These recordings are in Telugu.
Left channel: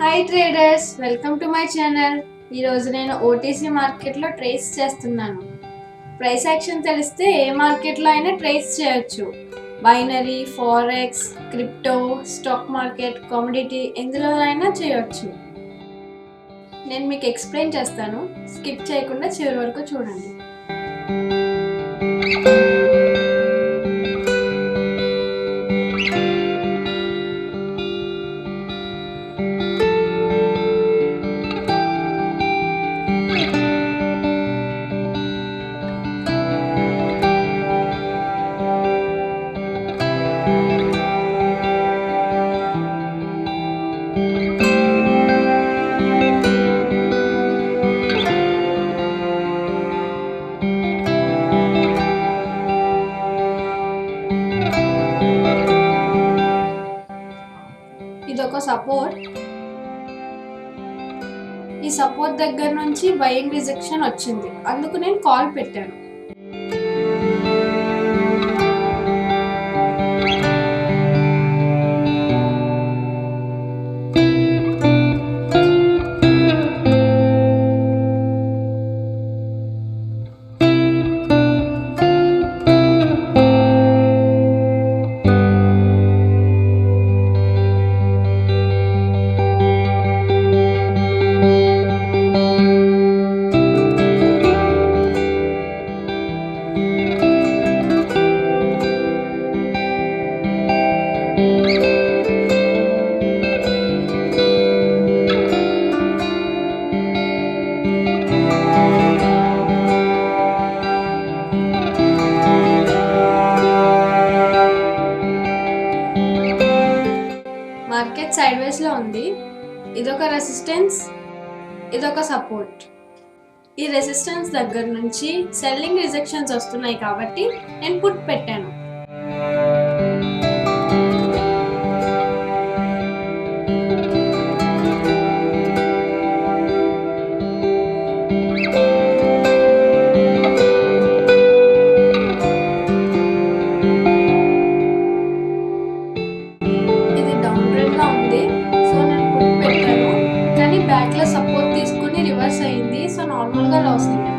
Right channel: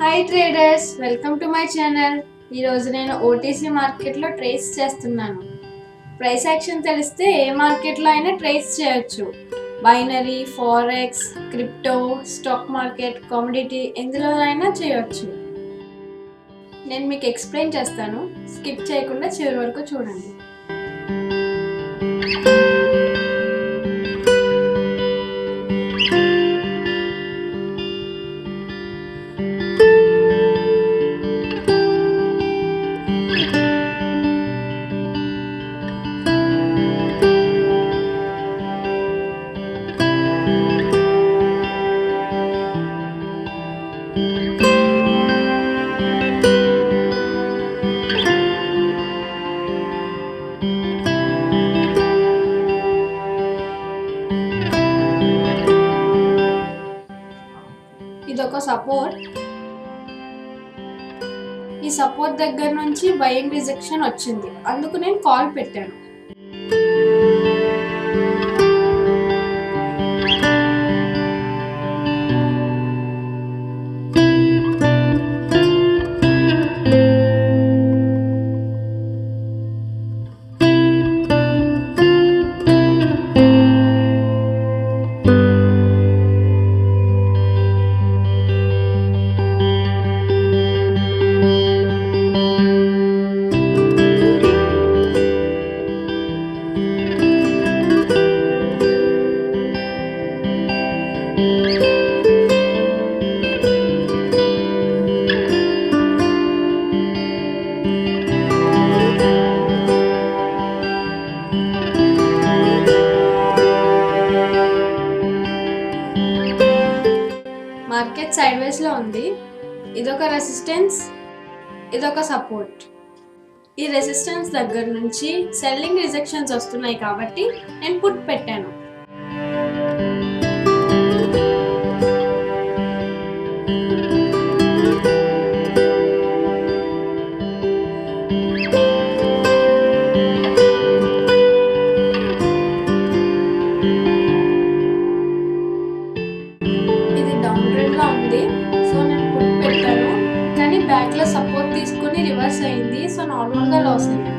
Hi traders, welcome to my channel. ఈరోజు నేను ఓటీసీ మార్కెట్లో ట్రేస్ చేస్తున్నాను. ప్రైస్ యాక్షన్ తెలిస్తే ఏ మార్కెట్లో అయినా ట్రేస్ చేయొచ్చు. Binary, forex, crypto, stock market, commodity ఎందులోనైనా చేయొచ్చు. నేను మీకు ఎక్స్ప్లెయిన్ చేస్తాను, స్కిప్ చేయకుండా చివరి వరకు చూడండి. ఇదొక సపోర్ట్. ఈ సపోర్ట్ దగ్గర నుంచి బయింగ్ రిజెక్షన్ వచ్చింది, అందుకు నేను కాల్ పెట్టాను. మార్కెట్ సైడ్ వేస్ లో ఉంది. ఇదొక రెసిస్టెన్స్, ఇదొక సపోర్ట్. ఈ రెసిస్టెన్స్ దగ్గర నుంచి సెల్లింగ్ రిజెక్షన్స్ వస్తున్నాయి కాబట్టి నేను పుట్ పెట్టాను. ఉంది, సో నేను పుట్ పెట్టాను. కానీ బ్యాక్ లో సపోర్ట్ తీసుకుని రివర్స్ అయింది, సో నార్మల్ గా లాస్ అయ్యాను.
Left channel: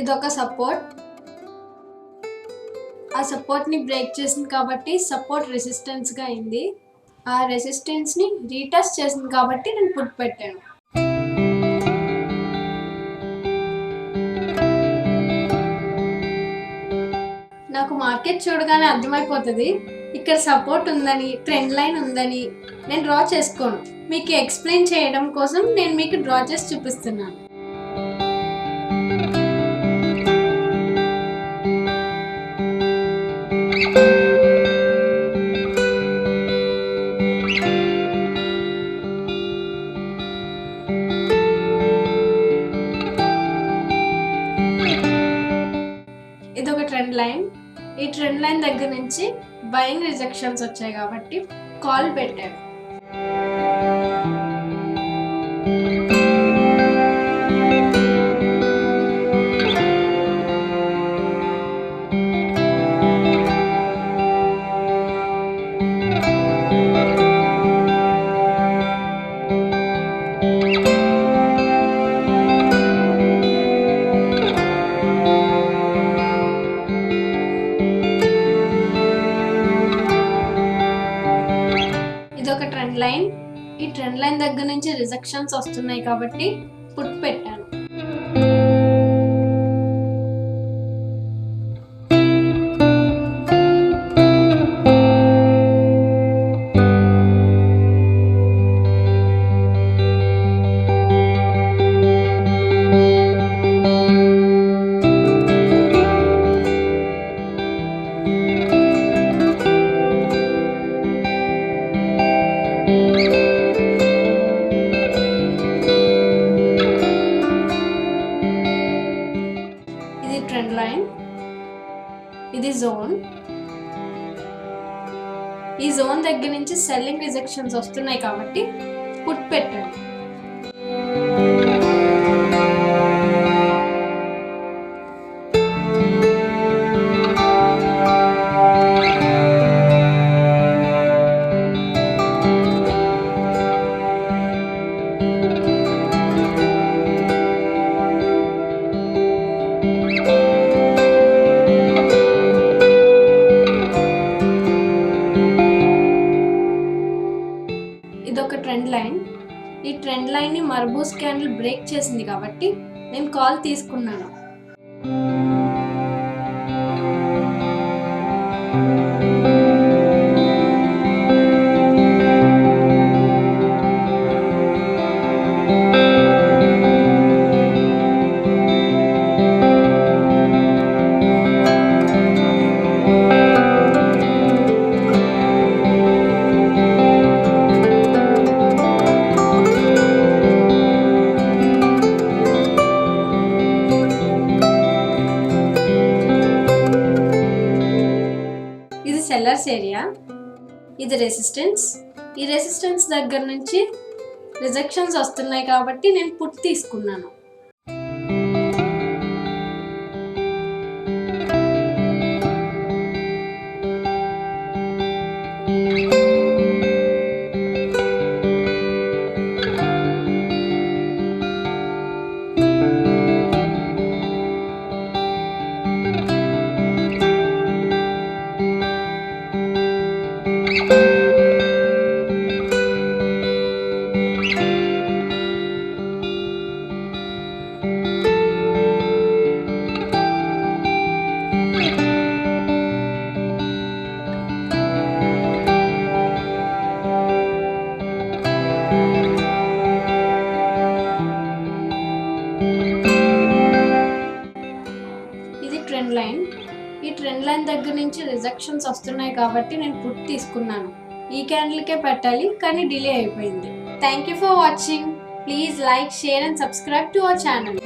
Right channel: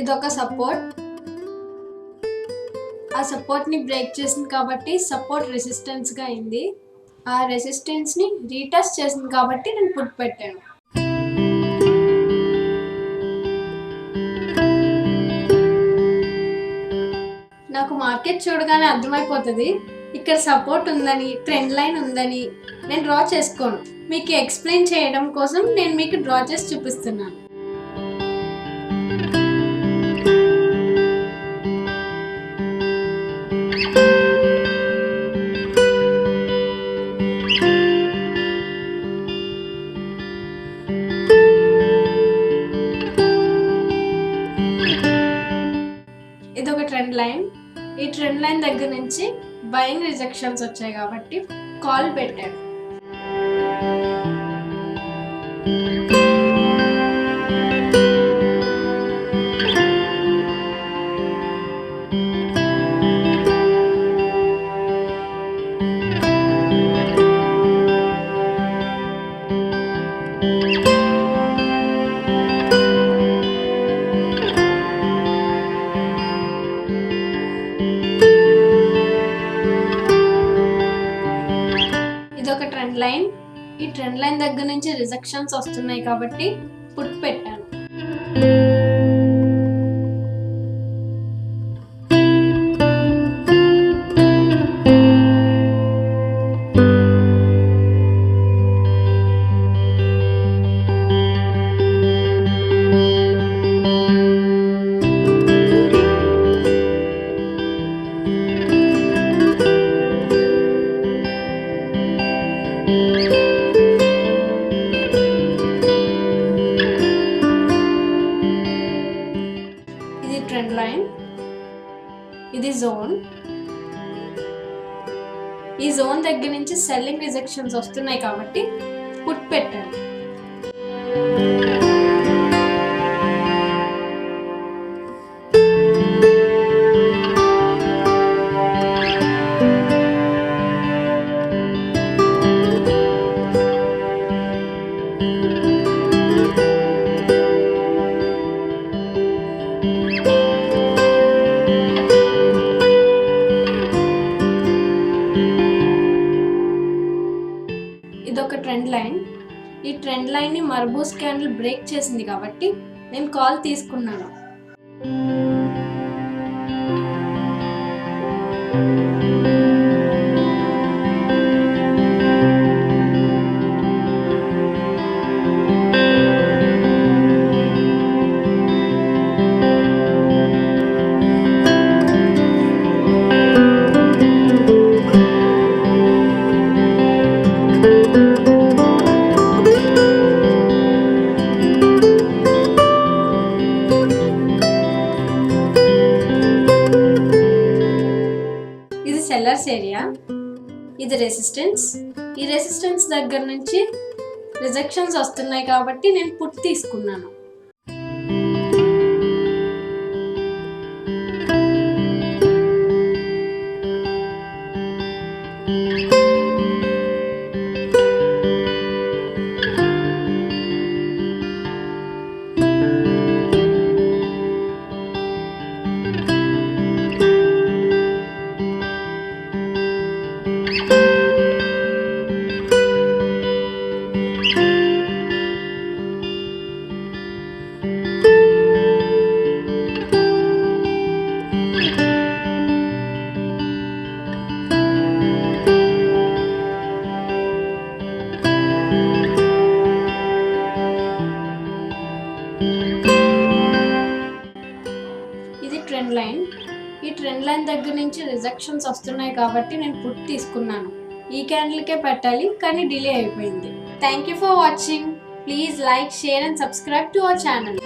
ఇదొక సపోర్ట్. ఆ సపోర్ట్ ని బ్రేక్ చేసింది కాబట్టి సపోర్ట్ రెసిస్టెన్స్ గా అయింది. ఆ రెసిస్టెన్స్ ని రీటెస్ట్ చేసింది కాబట్టి నేను పుట్ పెట్టాను. నాకు మార్కెట్ చూడగానే అర్థమైపోతుంది ఇక్కడ సపోర్ట్ ఉందని, ట్రెండ్ లైన్ ఉందని. నేను డ్రా చేసుకోను, మీకు ఎక్స్ప్లెయిన్ చేయడం కోసం నేను మీకు డ్రా చేసి చూపిస్తున్నాను. ఇదొక ట్రెండ్ లైన్. ఈ ట్రెండ్ లైన్ దగ్గర నుంచి బయింగ్ రిజెక్షన్స్ వచ్చాయి కాబట్టి కాల్ పెట్టాను. ఇదొక ట్రెండ్ లైన్. ఈ ట్రెండ్ లైన్ దగ్గర నుంచి రిజెక్షన్స్ వస్తున్నాయి కాబట్టి పుట్ పెట్టాను. జోన్. ఈ జోన్ దగ్గర నుంచి సెల్లింగ్ రిజెక్షన్స్ వస్తున్నాయి కాబట్టి పుట్ పెట్టాను. ఇదొక ట్రెండ్ లైన్. ఈ ట్రెండ్ లైన్ ని మర్బూస్ క్యాండిల్ బ్రేక్ చేసింది కాబట్టి నేను కాల్ తీసుకున్నాను. ఇది సెల్లర్స్ ఏరియా, ఇది రెసిస్టెన్స్. ఈ రెసిస్టెన్స్ దగ్గర నుంచి రిజెక్షన్స్ వస్తున్నాయి కాబట్టి నేను పుట్ తీసుకున్నాను. ఇది ట్రెండ్ లైన్. ఈ ట్రెండ్ లైన్ దగ్గర నుంచి రిజెక్షన్స్ వస్తున్నాయి కాబట్టి నేను పుట్ తీసుకున్నాను. ఈ క్యాండిల్కే పెట్టాలి కానీ డిలే అయిపోయింది. Thank you for watching. Please like, share and subscribe to our channel.